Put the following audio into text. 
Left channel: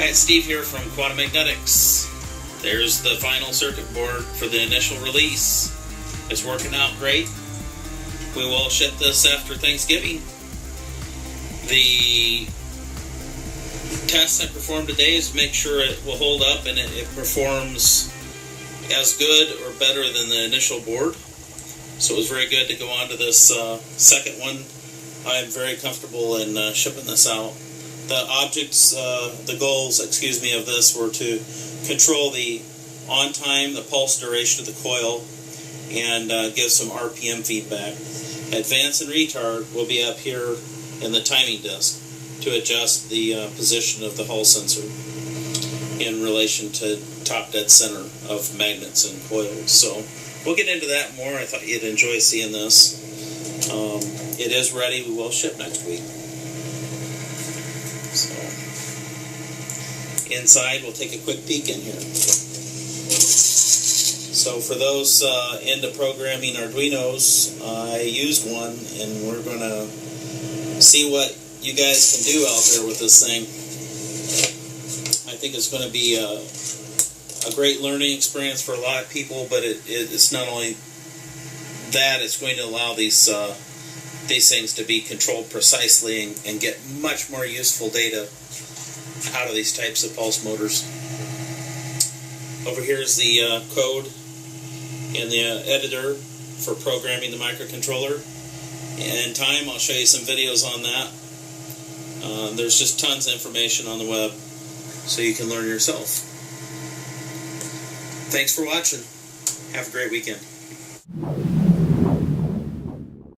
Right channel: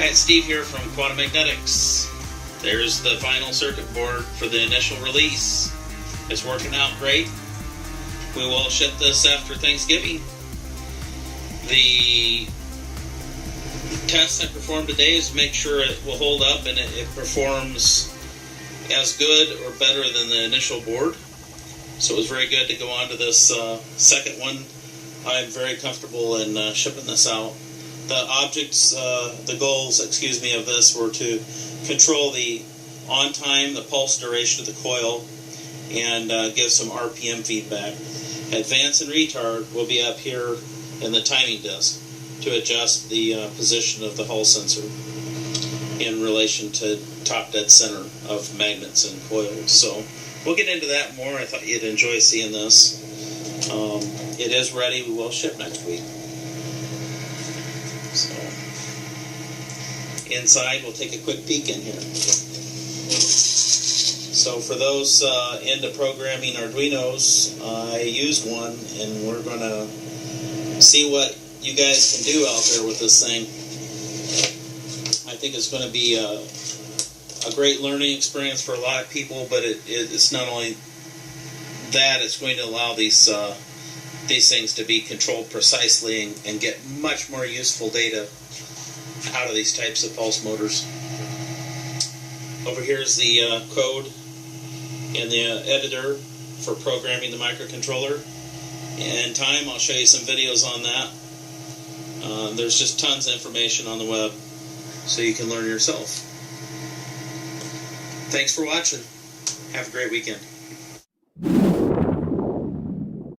Hi, it's Steve here from Quantum Magnetics. There's the final circuit board for the initial release. It's working out great. We will ship this after Thanksgiving. The tests I performed today is to make sure it will hold up and it performs as good or better than the initial board. So it was very good to go on to this second one. I'm very comfortable in shipping this out. The objects, the goals, of this were to control the on time, the pulse duration of the coil, and give some RPM feedback. Advance and retard will be up here in the timing disc to adjust the position of the Hall sensor in relation to top dead center of magnets and coils. So we'll get into that more. I thought you'd enjoy seeing this. It is ready. We will ship next week. So inside, we'll take a quick peek in here. So for those into programming Arduinos, I used one, and we're going to see what you guys can do out there with this thing. I think it's going to be a great learning experience for a lot of people, but it's not only that, it's going to allow these things to be controlled precisely and get much more useful data out of these types of pulse motors. Over here is the code in the editor for programming the microcontroller. In time, I'll show you some videos on that. There's just tons of information on the web, so you can learn yourself. Thanks for watching. Have a great weekend.